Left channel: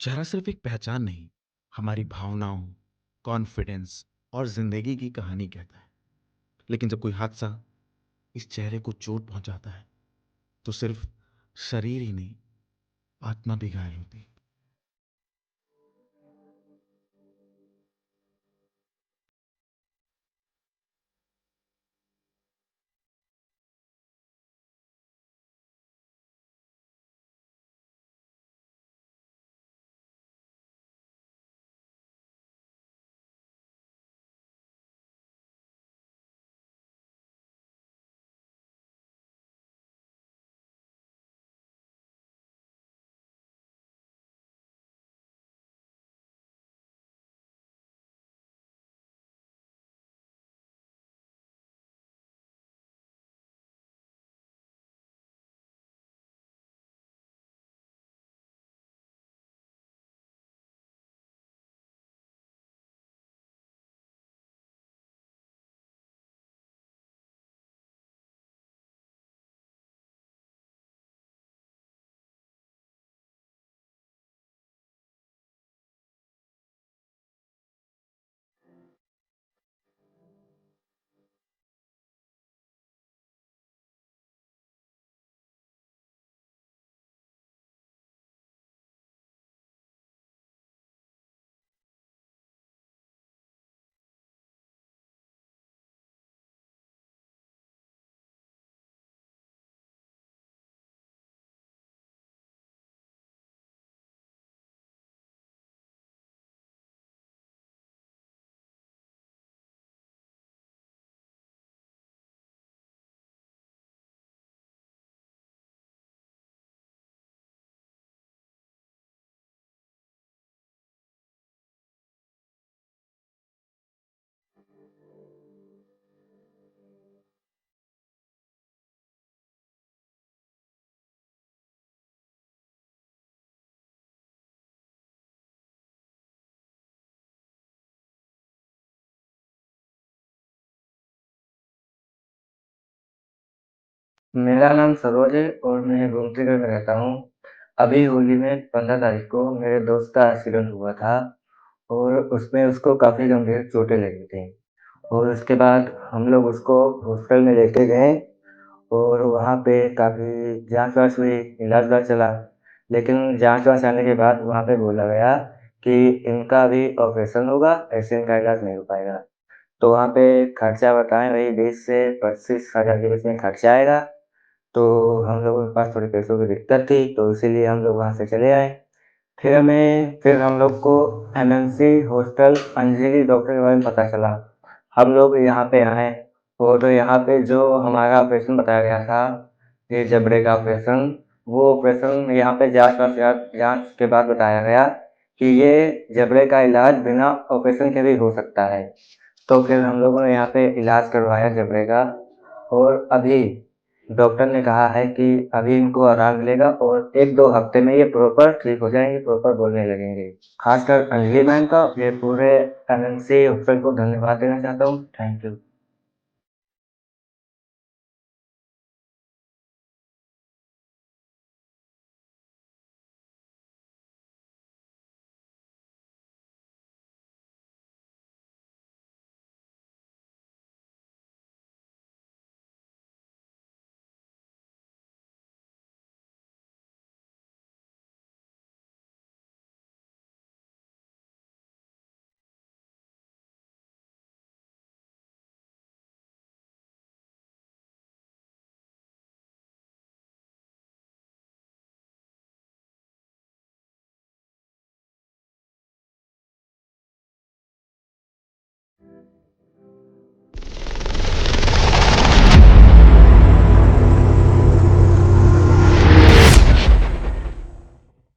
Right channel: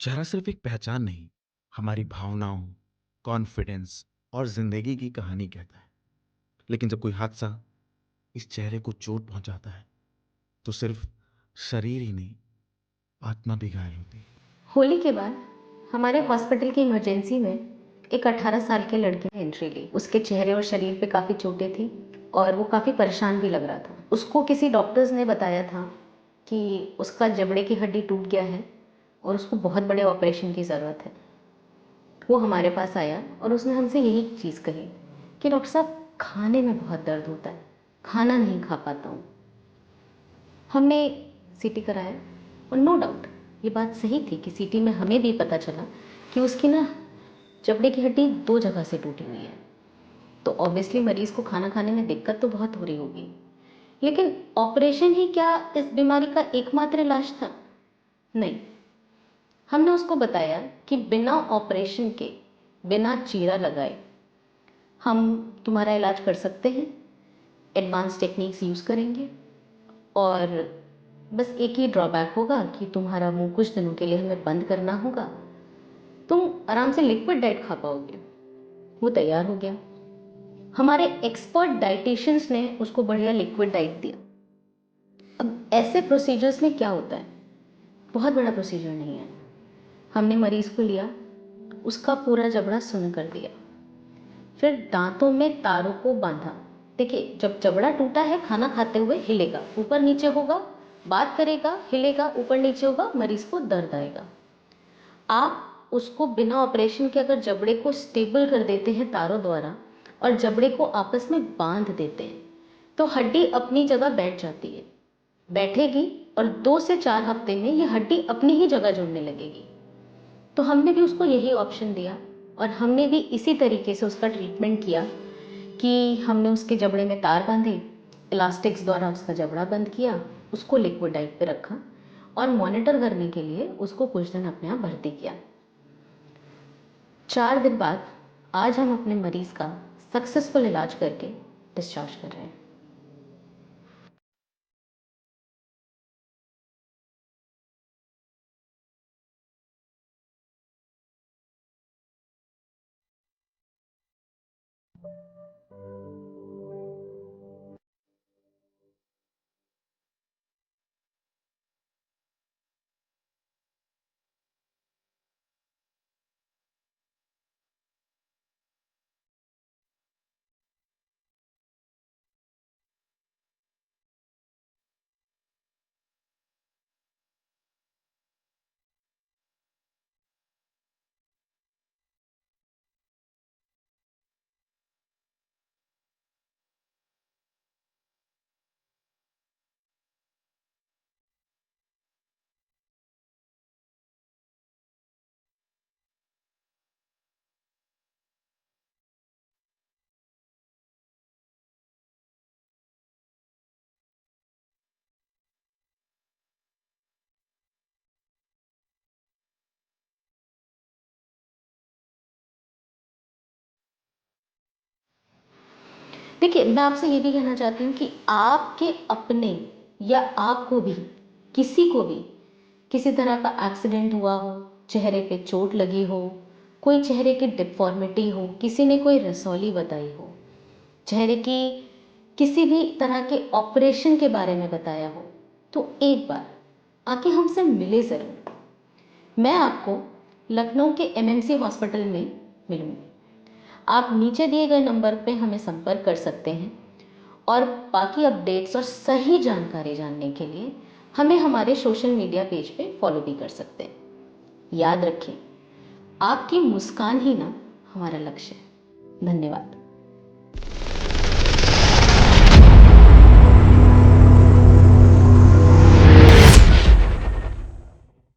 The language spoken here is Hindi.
चेहरा सिर्फ एक पहचान नहीं, हमारी भावनाओं, कॉन्फिडेंस और जिंदगी की कहानी कहता है। लेकिन जब कोई हादसा इस चेहरे को चोट पहुंचाता है, तो सिर्फ शरीर ही नहीं, आत्मा भी घायल होती है। होली के बाद हमारे हॉस्पिटल की इमरजेंसी में एक 18 साल के लड़के ने एंट्री ली। उसके चेहरे और शरीर पे काफ़ी चोटें थी और वो काफ़ी परेशान भी लग रहा था। उसको किसी डॉक्टर्स ने बताया था कि उसका जबड़े की हड्डी टूट गया है और उसको बहुत बड़े ऑपरेशन की ज़रूरत है। वो हमारे पास आया और उसने हमसे यही चीज़ कही कि डॉक्टर साहब, खाने में बहुत दर्द होता है, खाना नहीं खा पाता हूँ। हमने सीटी कराया और नो डाउट ये बात सही थी कि सीटी में हमें भी पता चला कि उसकी ना जबड़े की हड्डी 2 जगह से टूटी हुई है। तो ऑब्वियसली मरीज़ को खाना खाने में दिक्कत तो बहुत हो रही होगी। लेकिन ऑपरेशन ही क्या इस बीमारी का एकमात्र इलाज था? नहीं। हमने उसको बताया कि बिना ऑपरेशन के, बिना चीरा लगाए हम तुम्हारा इलाज कर सकते हैं, एडवांस टेक्निक्स यूज़ करेंगे और बस एक ही ड्रॉबैक होगा कि तुम्हारा मुंह कुछ दिनों के लिए हमें बंद करना होगा। तुम आराम से लिक्विड डाइट खा पाओगे। वो तैयार हो गया। हमारे एक्सपर्ट डाइटिशियंस ने उसको बढ़िया लिक्विड डाइट दिया। अब ऐसे प्रोसीजर्स में क्या होता है, बहुत बड़ा प्रोसीजर नहीं है। हमने मरीज को लिया, उसका पूरा जबड़ा सुन्न कर दिया, फिर दांतों में तारों को बांधा। देखिए, जब जबड़ा टूटा है, खाना खाते हुए हिलेगा, ऊपर नीचे होगा, बात करेगा, हिलेगा, ऊपर नीचे होगा, मरीज को दर्द आएगा। आप उसको बिना ऑपरेशन के अगर जबड़े को स्टेबल कर देते हैं तारों द्वारा और जबड़े को आपस में बांध देते हैं, तो हड्डी अपनी जगह बैठ जाती है, बैठेगी और 2 से 4 हफ्ते में ये हड्डी अपनी ही जगह जुड़ने लगेगी। तो हमने भी उसको यही ऑप्शन दिया और हमने भी इसी तरीके से उसका ट्रीटमेंट किया कि हमने उसके जबड़े में तार बांधे, इलास्टिक्स द्वारा उसका जबड़ा बंद किया, उसको लिक्विड डाइट पे रखा और मॉनिटर करने के लिए उसको कुछ दिन अपने यहाँ भर्ती किया। 4 दिन बाद आज हम अपने मरीज का सक्सेसफुल इलाज करके डिस्चार्ज कर रहे हैं। मेरा नाम सरोज है और मैं गुमतीगढ़ में रहता हूँ। अभी होली में 15 तारीख को मेरे दोस्त का एक्सीडेंट हुआ था और उसमें उसको काफ़ी गंभीर चोटें लगी थी और उसके बाद हम लोग उसको हॉस्पिटल में लेके गए और वहाँ पे काफ़ी जाँच-वाँच हुई, इलाज-वाज चला। लेकिन जाँच-वाँच आने के बाद वहाँ पे बोला गया कि इनका अभी ऑपरेशन होगा, ऐसे इनका इलाज नहीं हो पाएगा। तो वहाँ पे खर्चा बताएँ वही 20 से 25 हज़ार के बीच में खर्चा आएगा। तो हम लोगों के पास थोड़ी पैसों की दिक्कत थी, तो इसीलिए हम लोग वहाँ से चले आए। फिर हम लोग को एमएमसी हॉस्टल अंजली डॉक्टर के बारे में पता चला। हम लोग यहाँ पे आए और यहाँ पे जो हमारा ऑपरेशन बताया गया था, ये जबड़े का ऑपरेशन, वो ऑपरेशन यहाँ पे जाँच के बाद बताया गया कि ये जबड़े का इलाज बिना ऑपरेशन के भी हो सकता है। तो फिर हम लोगों ने यहाँ पे इलाज करवाया जबड़े का और अभी डॉक्टर ने कहा है कि अभी इनको आराम मिलेगा और 1-2 हफ्ते में ये प्रॉपर ठीक हो जाएँगे, प्रॉपर बोलने लगेंगे। खासकर अंजलि मैम का ये पूरे एमएमसी हॉस्पिटल को धन्यवाद देना चाहता हूँ। Thank you. देखिए, मैं आपसे ये भी कहना चाहती हूँ कि आपके अपने या आपको भी, किसी को भी किसी तरह का एक्सीडेंट हुआ हो, चेहरे पे चोट लगी हो, कोई चेहरे की डिफ़ॉर्मिटी हो, किसी ने कोई रसौली बताई हो, चेहरे की किसी भी तरह के ऑपरेशन के बारे में बताया हो, तो एक बार आके हमसे मिले ज़रूर। मैं आपको लखनऊ के एमएमसी हॉस्पिटल में मिलूँगी। आप नीचे दिए गए नंबर पे हमें संपर्क कर सकते हैं और बाकी अपडेट्स और सही जानकारी जानने के लिए हमें हमारे सोशल मीडिया पेज पे फॉलो भी कर सकते हैं। याद रखें, आपकी मुस्कान ही ना हमारा लक्ष्य है। धन्यवाद।